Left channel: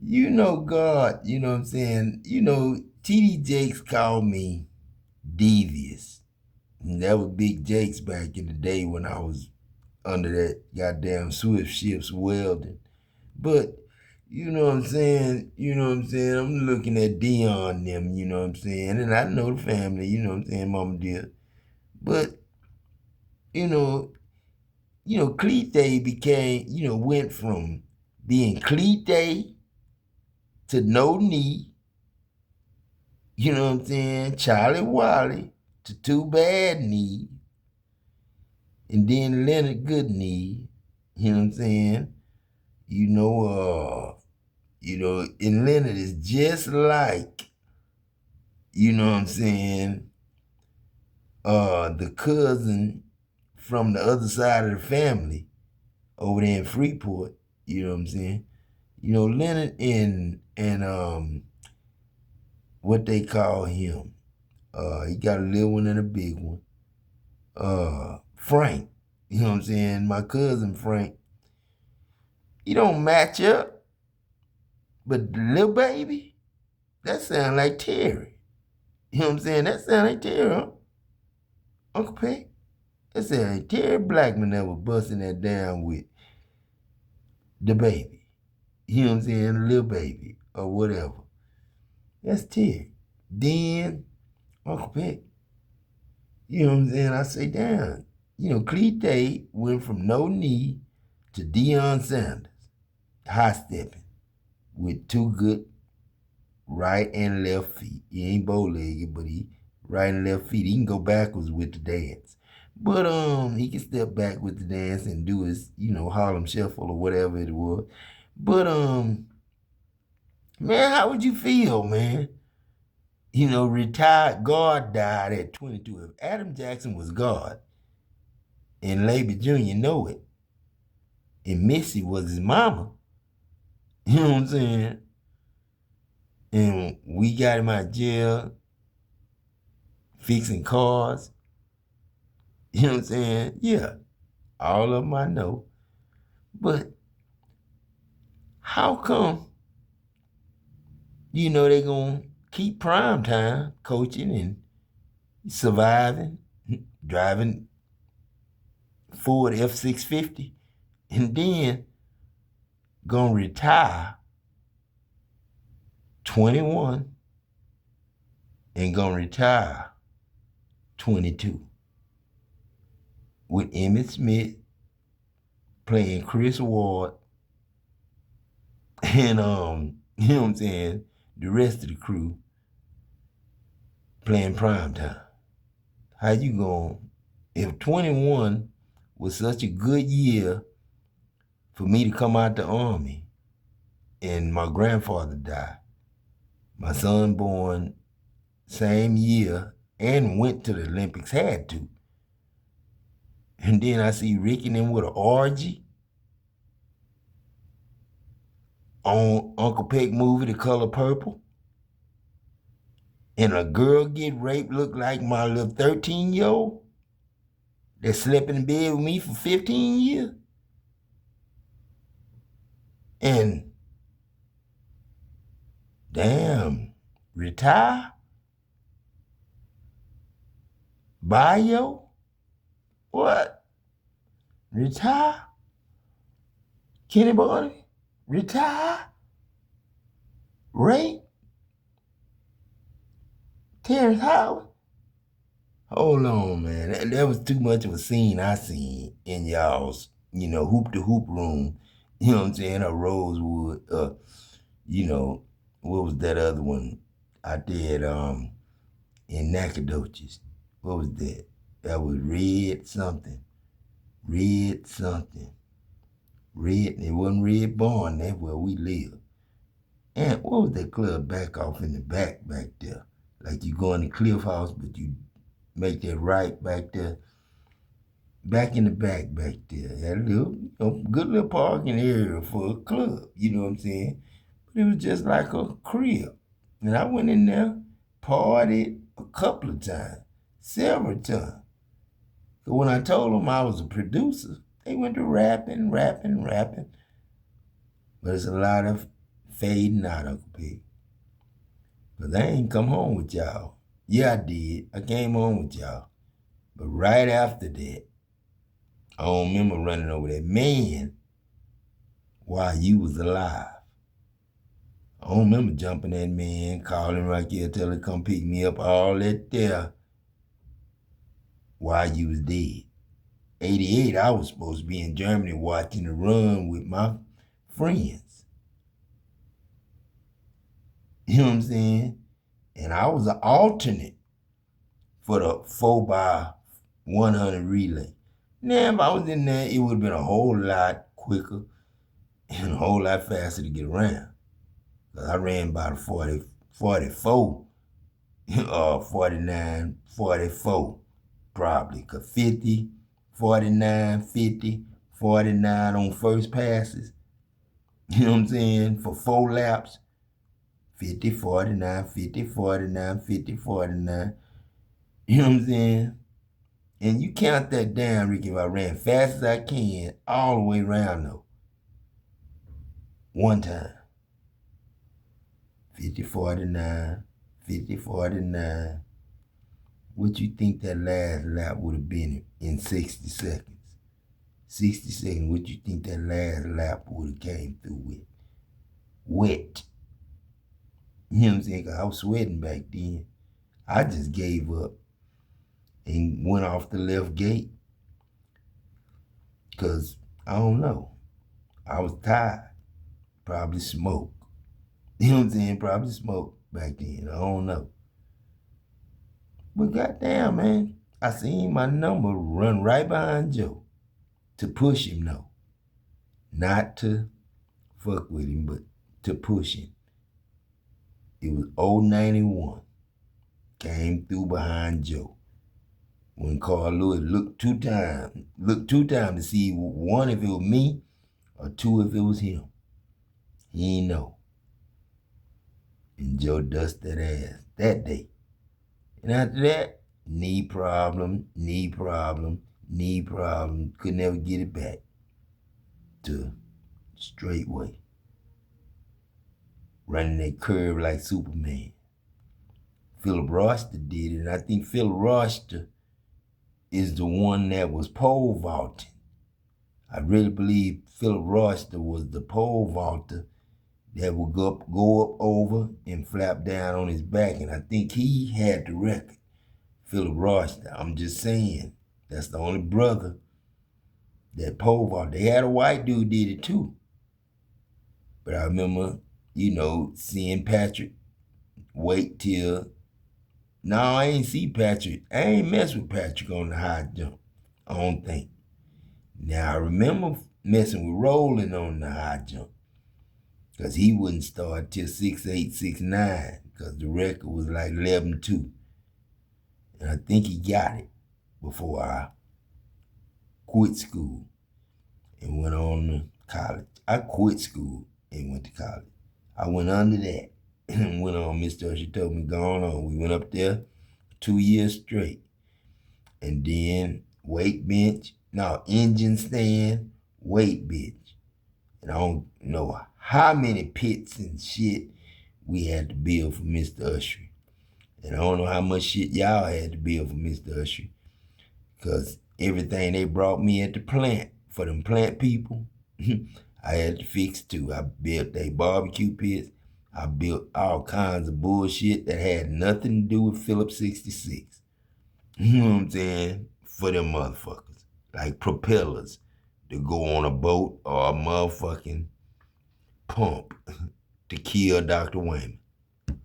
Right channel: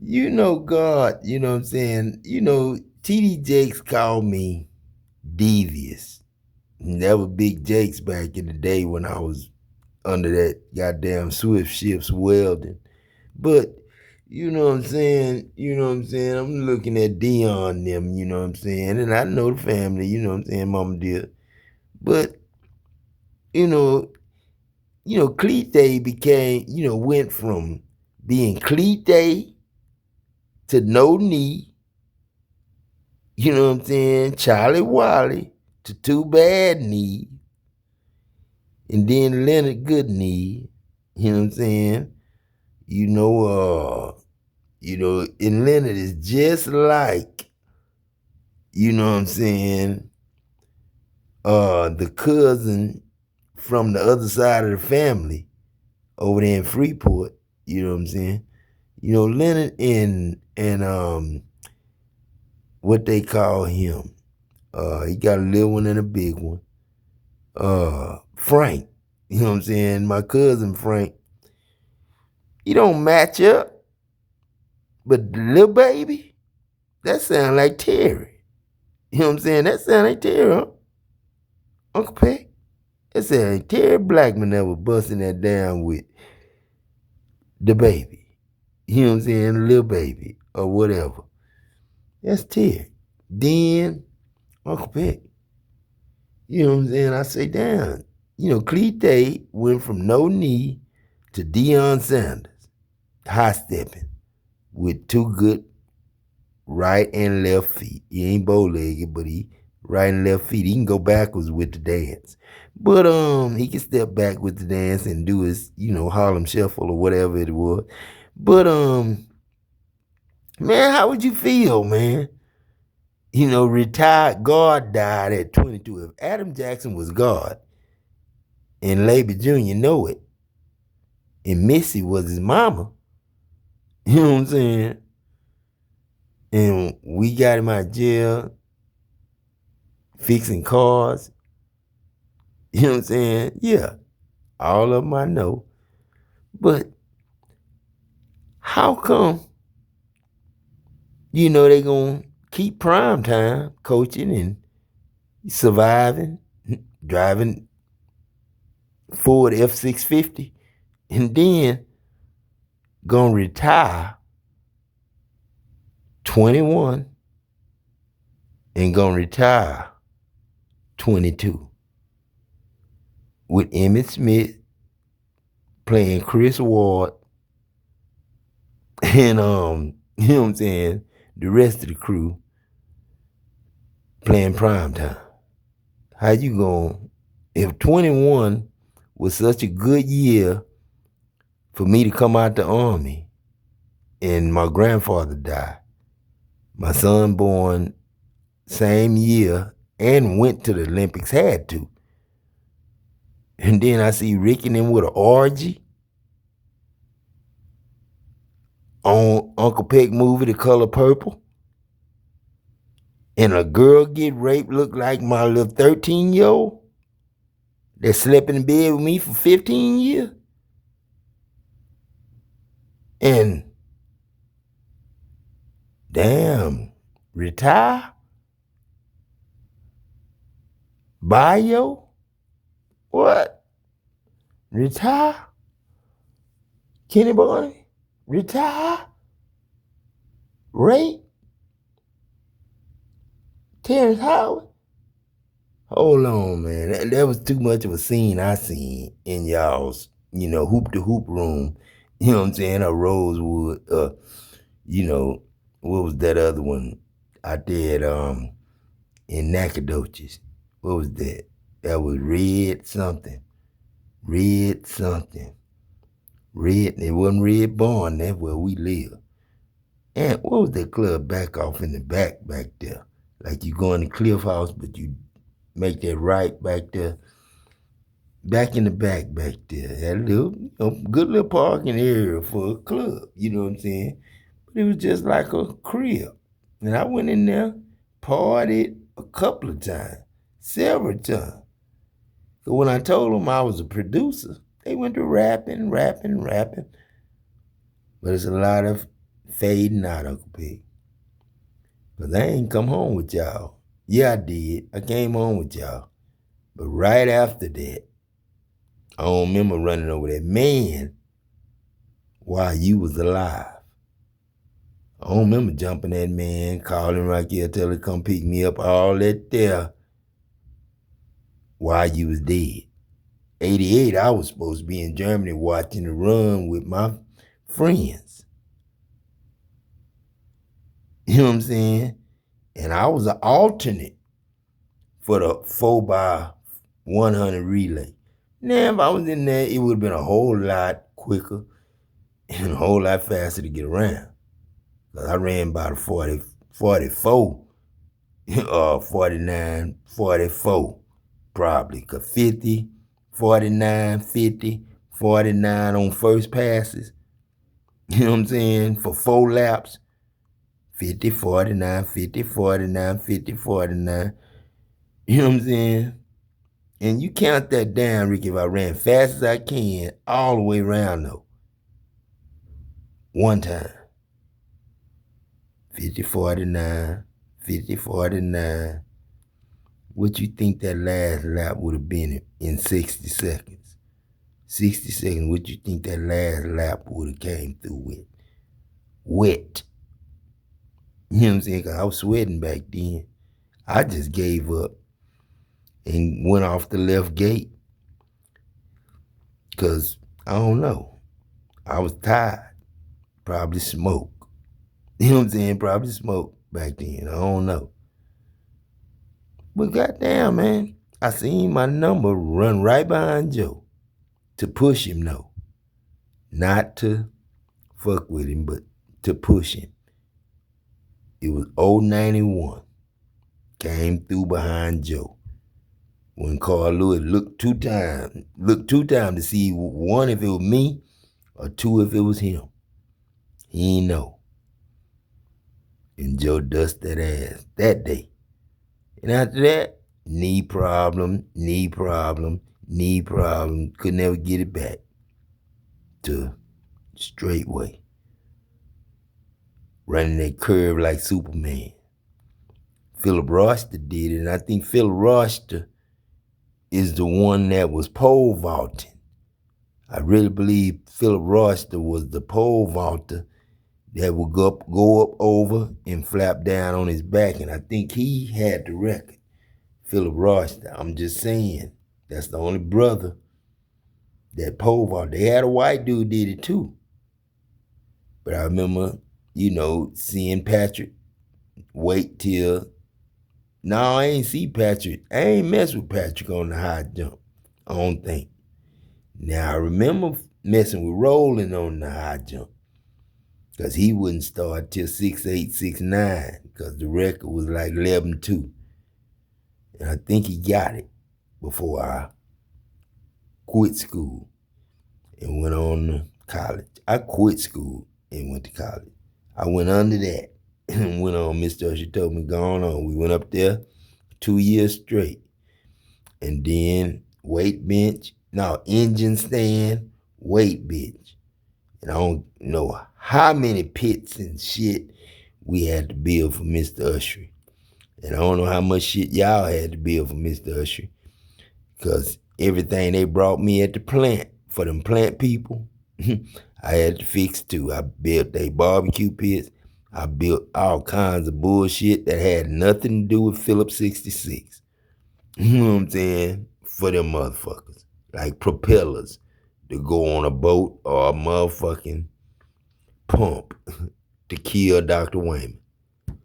You know God, you know what I'm saying? You know, TD Jakes called me devious. And that was Big Jakes back in the day when I was under that goddamn Swift Ships welding. But you know what I'm saying? You know what I'm saying? I'm looking at Dion and them, you know what I'm saying? And I know the family, you know what I'm saying, Mama dear. But, you know, Cleat'z became, went from being Cleat'z to No Knee, you know what I'm saying, Charlie Wally to Too Bad Knee, and then Leonard Good Knee, you know what I'm saying? You know, and Leonard is just like, you know what I'm saying, the cousin from the other side of the family over there in Freeport, you know what I'm saying? You know, Leonard and what they call him. He got a little one and a big one. Frank, you know what I'm saying? My cousin Frank, he don't match up, but the little baby, that sound like Terry. You know what I'm saying? That sound like Terry, huh? Uncle Peck. That sound like Terry Blackman that was busting that down with the baby. You know what I'm saying? The little baby or whatever. That's Terry. Then Uncle Peck. You know what I'm saying? I say, damn. You know, Cleat'z went from No Knee to Deion Sanders, high stepping with two good right and left feet. He ain't bow legged, but he right and left feet. He can go backwards with the dance. But he can step back with the dance and do his, Harlem Shuffle or whatever it was. But man, how would you feel, man? You know, retired God died at 22. If Adam Jackson was God, and Labor Jr. know it, and Missy was his mama, you know what I'm saying? And we got him out of jail fixing cars, you know what I'm saying? Yeah, all of them I know. But how come, they gonna keep prime time coaching and surviving, driving Ford F-650, and then gonna retire 21 and gonna retire 22 with Emmitt Smith playing Chris Ward and you know what I'm saying, the rest of the crew playing prime time. How you going, if 21 was such a good year for me to come out the Army and my grandfather died, my son born same year and went to the Olympics, had to. And then I see Rick and them with an orgy on Uncle Peck movie, The Color Purple. And a girl get raped, look like my little 13-year-old that slept in bed with me for 15 years. And damn, retire? Bio? What? Retire? Kenny Boy? Retire? Rape? Terrence Howard? Hold on, man. That was too much of a scene I seen in y'all's, hoop to hoop room. You know what I'm saying? A Rosewood. What was that other one out there in Nacogdoches? What was that? That was Red something. Red something. Red, it wasn't Red Barn, that's where we live. And what was that club back off in the back there? Like you go in the Cliff House, but you make that right back there. Back in the back there. That little, good little parking area for a club, you know what I'm saying? But it was just like a crib. And I went in there, partied a couple of times, several times. So when I told them I was a producer, they went to rapping. But it's a lot of fading out, Uncle Pig. Because I ain't come home with y'all. Yeah, I did. I came home with y'all. But right after that, I don't remember running over that man while you was alive. I don't remember jumping that man, calling Raquel, tell her to come pick me up, all that there while you was dead. 88, I was supposed to be in Germany watching the run with my friends. You know what I'm saying? And I was an alternate for the 4x100 relay. Now, if I was in there, it would have been a whole lot quicker and a whole lot faster to get around. I ran by the 44, 49, 44, probably. Because 50, 49, 50, 49 on first passes. You know what I'm saying? For 4 laps. 50, 49, 50, 49, 50, 49. You know what I'm saying? And you count that down, Ricky, if I ran fast as I can, all the way around though. One time. 50, 49, 50, 49. What you think that last lap would have been in 60 seconds? 60 seconds, what you think that last lap would have came through with? Wet. You know what I'm saying? Because I was sweating back then. I just gave up and went off the left gate. Because, I don't know, I was tired. Probably smoked. You know what I'm saying? Probably smoked back then. I don't know. But goddamn, man, I seen my number run right behind Joe to push him, though. Not to fuck with him, but to push him. It was 091. Came through behind Joe. When Carl Lewis looked two times to see, one, if it was me, or two, if it was him. He ain't know. And Joe dusted that ass that day. And after that, knee problem. Could never get it back to straight way. Running that curve like Superman. Philip Roster did it, and I think Philip Roster is the one that was pole vaulting. I really believe Philip Roster was the pole vaulter that would go up over and flap down on his back, and I think he had the record. Philip Roster, I'm just saying, that's the only brother that pole vaulted. They had a white dude did it too. But I remember, you know, seeing Patrick wait till, no, I ain't see Patrick. I ain't mess with Patrick on the high jump, I don't think. Now, I remember messing with Roland on the high jump because he wouldn't start till 6'8", 6'9", because the record was like 11-2. And I think he got it before I quit school and went on to college. I quit school and went to college. I went under that and went on. Mr. Usher told me, go on. We went up there 2 years straight. And then engine stand, weight bench. And I don't know how many pits and shit we had to build for Mr. Usher. And I don't know how much shit y'all had to build for Mr. Usher. Because everything they brought me at the plant, for them plant people, I had to fix too. I built they barbecue pits. I built all kinds of bullshit that had nothing to do with Phillips 66. You know what I'm saying? For them motherfuckers. Like propellers to go on a boat or a motherfucking pump to kill Dr. Wayman.